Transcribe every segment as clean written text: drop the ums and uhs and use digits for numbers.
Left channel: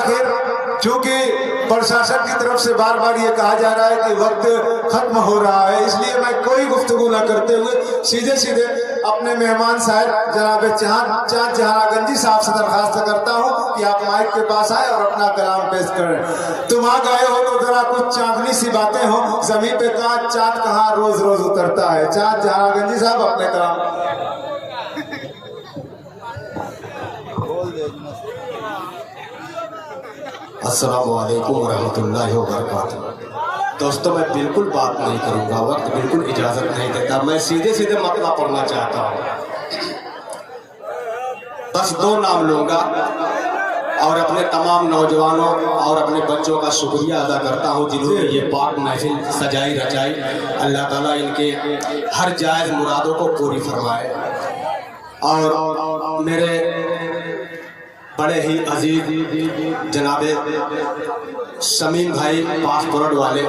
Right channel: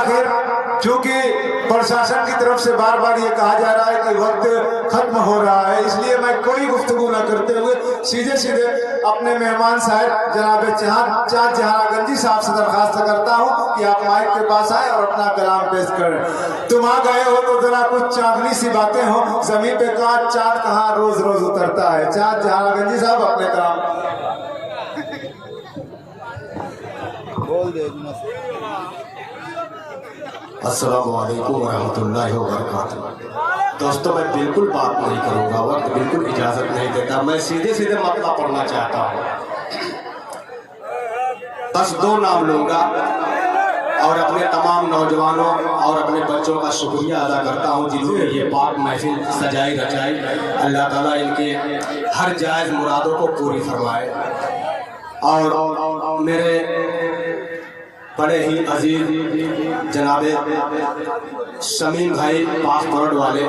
आखिर चूंकि प्रशासन की तरफ से बार बार ये कहा जा रहा है कि वक्त खत्म हो रहा है, इसलिए मैं कोई गुफ्तगू न करते हुए सीधे सीधे अपने मेहमान साहब जनाब चाँद जहानागंजी साहब से दरखास्त करता हूँ कि आप माइक के पास आए और अपना कलाम पेश करें। तुम आ गए हो तो जरा कुछ चांदनी सी बातें हो, जमीन पे चाँद कहाँ रोज रोज उतरता है। चाँद जहानागंजी साहब अपने कलाम बोल दे। अस्सलामु अलैकुम वरहमतुल्लाहि वबरकातुहू। दोस्तों, मैं बिल्कुल बात नहीं करूँगा, वक्त बिल्कुल इजाज़त नहीं देता। मैं सीधे सीधे मसला पढ़ना चाहता हूँ। बस 2 नाम लूँगा और अपने तमाम नौजवानों और अपने बच्चों का शुक्रिया अदा करता हूँ जिन्होंने ये पाक महफिल सजाई रचाई। अल्लाह ताला इनके हर जायज़ मुरादों को पूरी फरमाए। और मेरे बड़े ही अजीज जनाबे शमीम भाई पासपोर्ट वाले,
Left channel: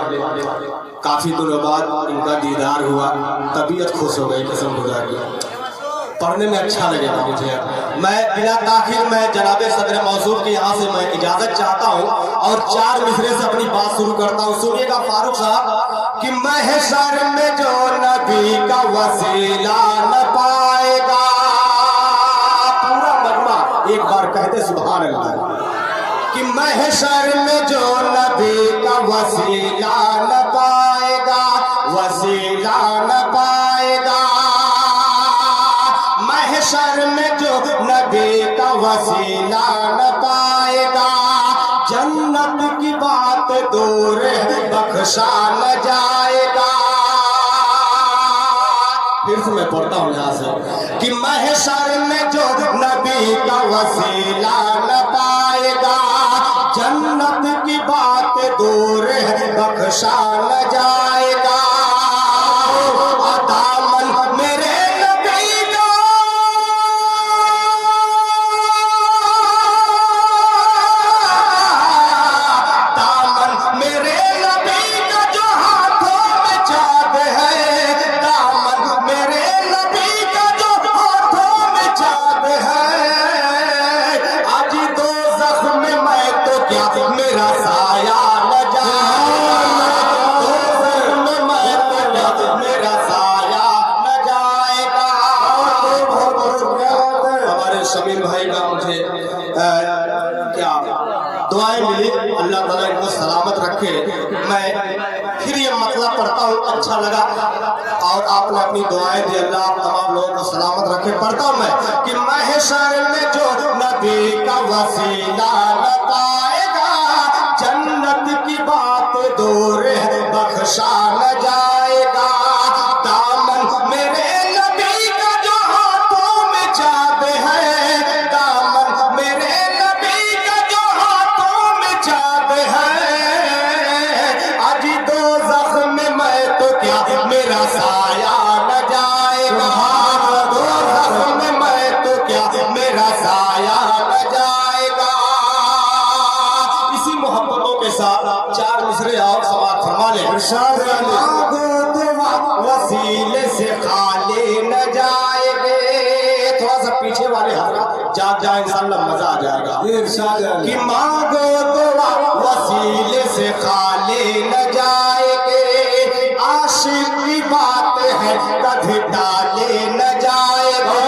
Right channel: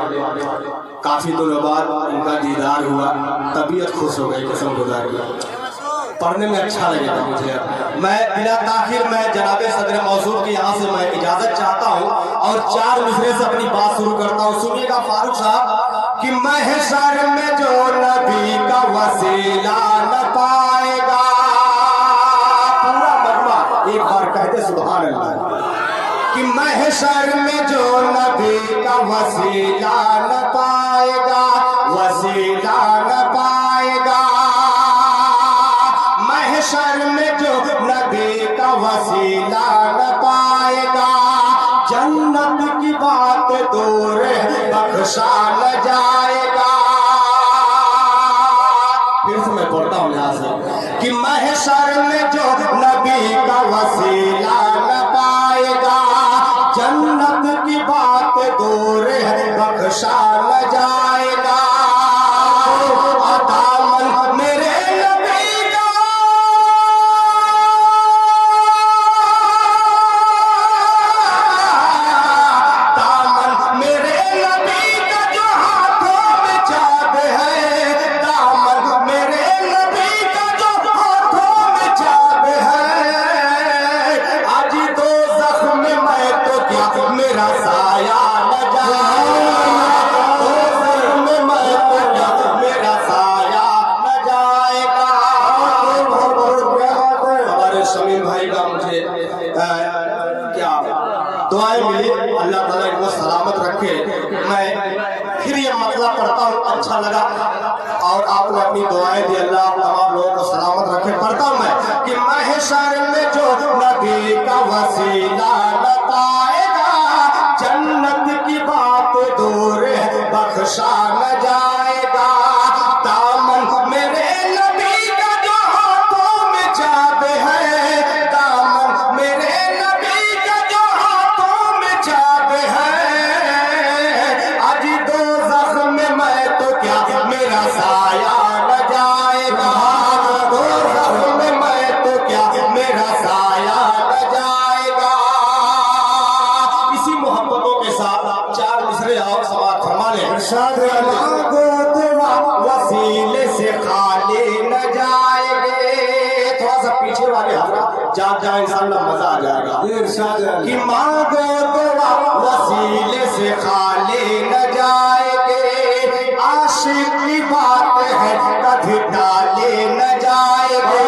काफ़ी दिनों बाद उनका दीदार हुआ, तबीयत खुश हो गई, कसम गुजारी, पढ़ने में अच्छा लगेगा मुझे। मैं बिला ताखिर मैं जनाबे सदर मौजूद के यहाँ से मैं इजाज़त चाहता हूँ और 4 मिसरे से अपनी बात शुरू करता हूँ। सुनिएगा फारूक साहब कि महशर में जो नबी का वसीला न पाएगा, पूरा मरना एक बार कहते सुभान अल्लाह, कि महशर में जो नबी का वसीला न पाएगा, वसीला न पाएगा, महशर में जो नबी का वसीला न पाएगा, जन्नत की बात दूर बख्शा न जाएगा। फिर से मैं पढ़ता हूँ यहाँ से कि महशर में जो नबी का वसीला न पाएगा, जन्नत की बात दूर बख्शा न जाएगा। दामन मेरे नबी का, दामन मेरे नबी का जो हाथों में चाँद है, दामन मेरे नबी का जो हाथों में चाँद है, आज दो जख्म में मैं तो क्या मेरा साया न जाए, दो जख्म में मैं तो क्या मेरा साया न जाएगा। हमारे शमीम भाई का मुझे क्या दुआएं मिली, अल्लाह ताला इनको सलामत रखे। मैं फिर ये मसला पढ़ता हूँ, अच्छा लगा और आपने अपनी दुआएं दी, अल्लाह तमाम लोगों को सलामत रखे। पढ़ता हूँ मैं कि महशर में जो नबी का वसीला न पाएगा, जन्नत की बात दूर बख्शा न जाएगा। दामन मेरे नबी का जो हाथों में चाँद है, दामन मेरे नबी का जो हाथों में चाँद है, आज दो जख्म में मैं तो क्या मेरा साया न जाएगा, दो जख्म में मैं तो क्या मेरा साया न जाएगा। इसी मोहब्बतों के साथ 4 मिसरे और समाप्त फरमा लें। वसीले से खाली न जाएंगे, थोड़ा सा पीछे वाले जाग जाए, इंशाअल्लाह मजा आ जाएगा। कि मांगो दुआ वसीले से खाली न जाएंगे, आशिक की बात है कभी डाले न जाएंगे।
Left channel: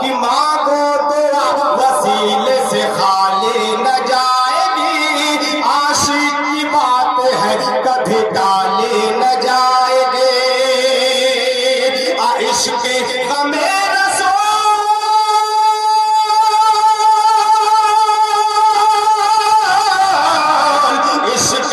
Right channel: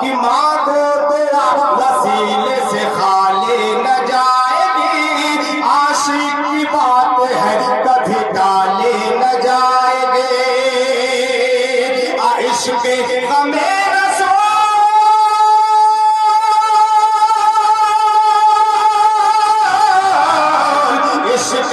कि मांगो दुआ वसीले से खाली न जाएगी, आशिक की बात है कभी डाले न जाएंगे। इश्क हमें इश्क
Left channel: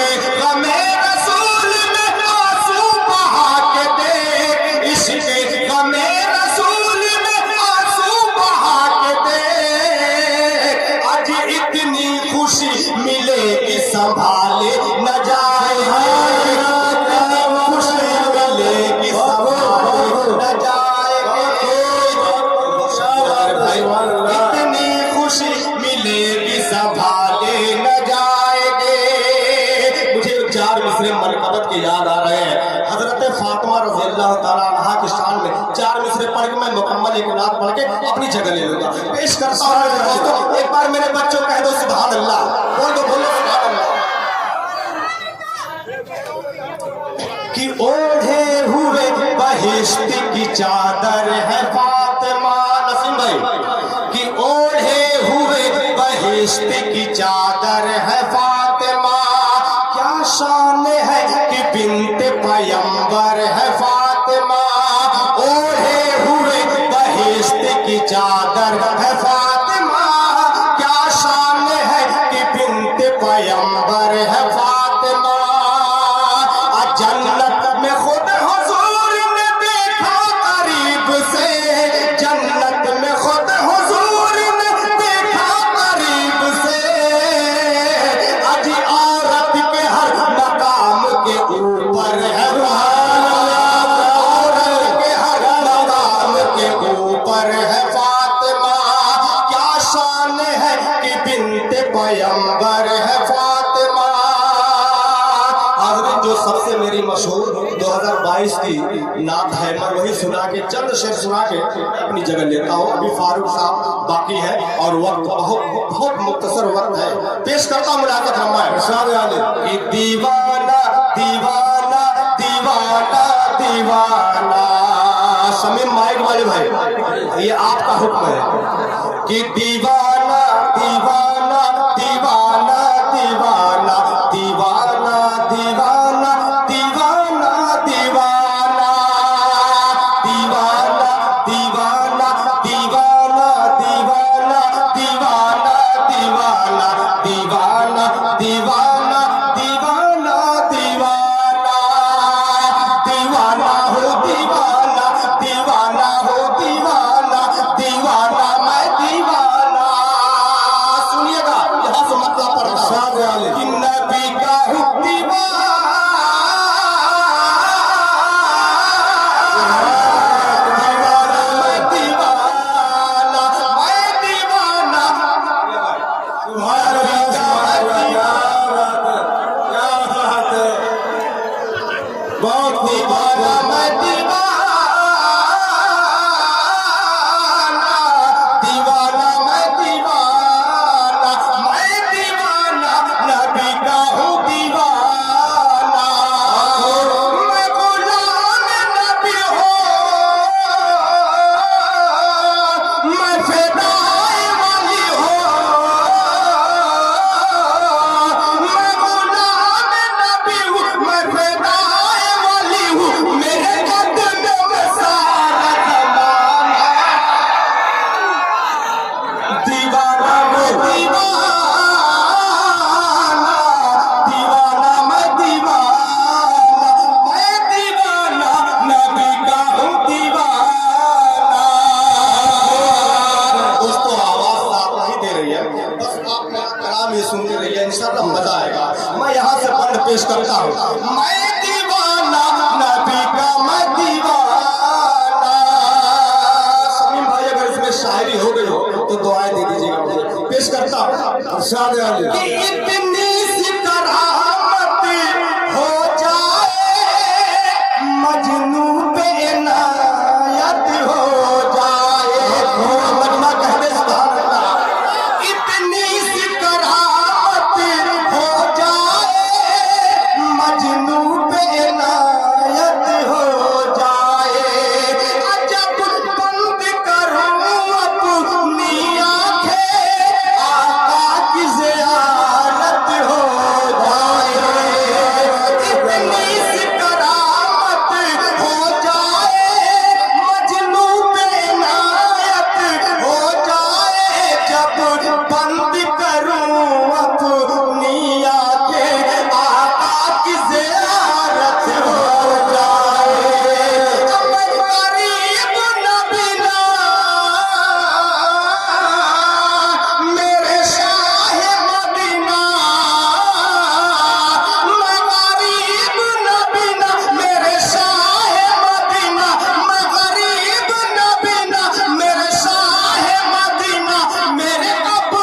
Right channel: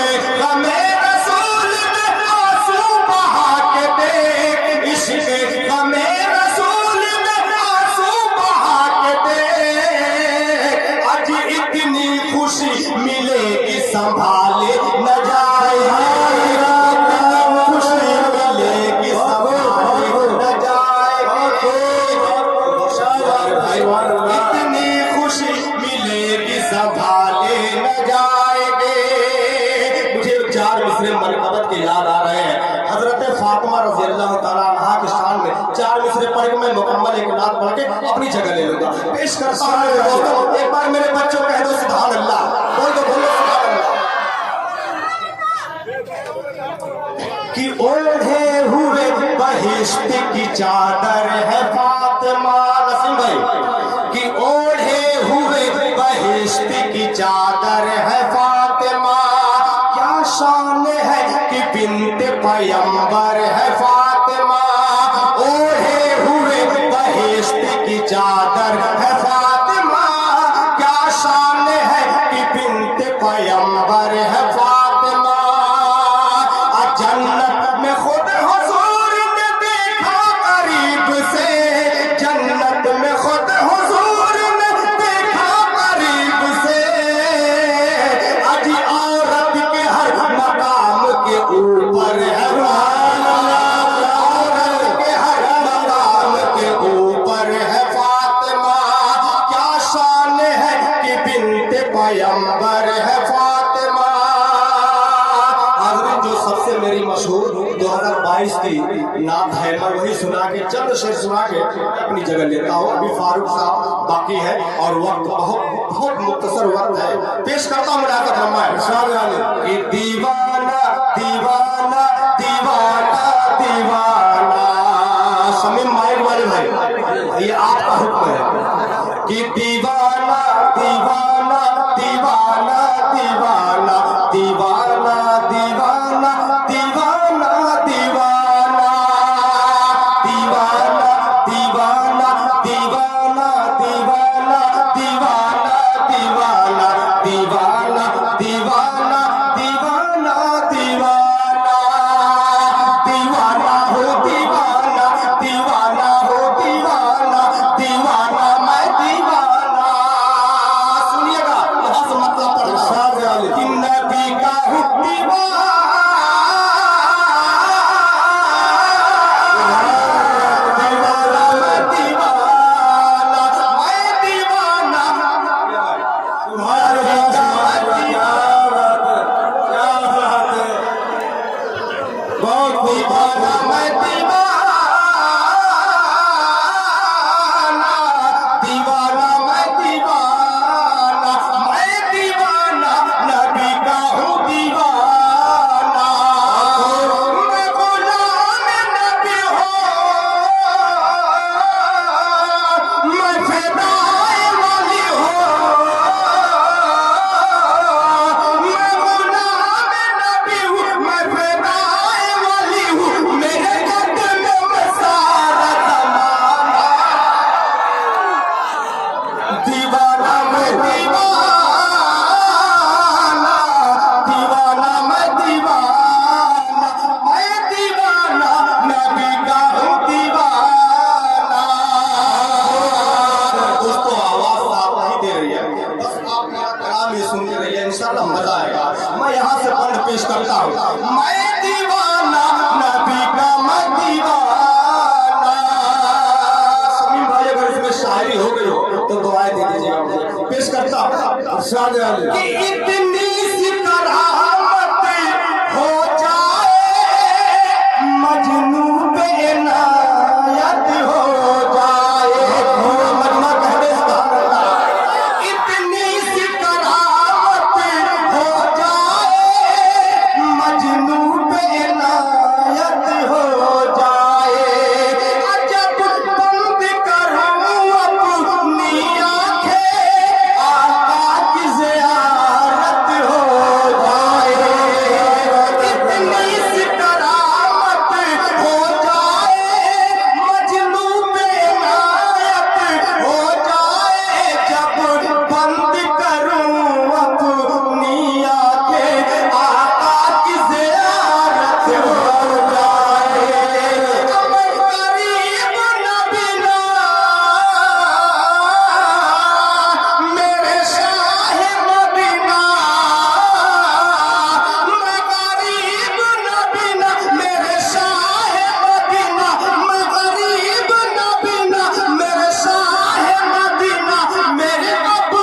जन्नत में खुद हुजूर ने देखा करीब से, जन्नत में खुद हुजूर ने देखा करीब से। अजी औरत के हर मकाम के ऊपर है, औरत के हर मकाम के ऊपर है फातिमा। क्या शान है कि बिन्ते पैगंबर है फातिमा। हाज़रीन, जो सबसे मेरी मशहूर 2022 की नात है, मैं वही सुना के चंद शेर सुना के अपनी जगह लेता हूँ। अभी फारूक साहब बाकी है और वक्त बहुत बहुत मुख्तसर वक्त है। पेश करता हूँ मुलाकात रमाए कि दीवाना दीवाना दीवाना दीवाना। समीम माइक वाले भाई, ये आपका हुक्म है कि दीवाना दीवाना दीवाना दीवाना दीवाना दीवाना दीवाना दीवाना दीवाना दीवाना दीवाना दीवाना दीवाना दीवाना दीवाना दीवाना दीवाना दीवाना दीवाना हो दीवाना दीवाना हो दीवाना दीवाना मैं दीवाना। सुनिएगा यहाँ से मतलब पड़ेगा कि नबी का हूँ दीवाना, दीवाना मैं दीवाना, मैं दीवाना तुम्हारे बहुत दीवाना मैं दीवाना, दीवाना मैं दीवाना, मैं दीवाना नबी का हूँ दीवाना। मैं गुलाम नबी हो, मैं फिदाए वली हो, मैं गुलाम नबी हूँ, मैं फिदाए वली हूँ। मेरे कदम में सारा ज़माना दीवाना मैं दीवाना, दीवाना मैं दीवाना, मैं दीवाना नबी का हूँ दीवाना। दोस्तों, आवाज साथ नहीं दे रही है, बस आप मेरा कलाम ये सुनते रहिए, इंशाअल्लाह मजा आएगा। मैं यहाँ से पढ़ पेश करता हूँ, मैं दीवाना नबी का मैं दीवाना। समीम भाई, अगर इसमें शायरी हो गई हो तो दुआएं दे दीजिएगा मुझे। पेश करता हूँ इरशाद आली। कि इतनी सी करामत हो जाए, मजनू पे इनायत हो जाए। मजमा कह दे इसका। इतनी सी करामत हो जाए, मजनू पे इनायत हो जाए। जब बंद करूं अपनी आंखें, आका की ज़ियारत हो जाए। इतनी सी करामत हो जाए, मजनू पे इनायत हो जाए। जब बंद करूं अपनी आंखें, आका की ज़ियारत हो जाए। मैं गरीब नबी ना, मेरे शाह मदीना, मैं गरीब नबी ना, मेरे शाह मदीना, मैं गरीब नबी ना, मेरे शाह मदीना, मेरे अबू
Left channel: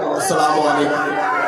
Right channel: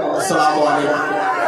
अस्सलाम वालेकुम।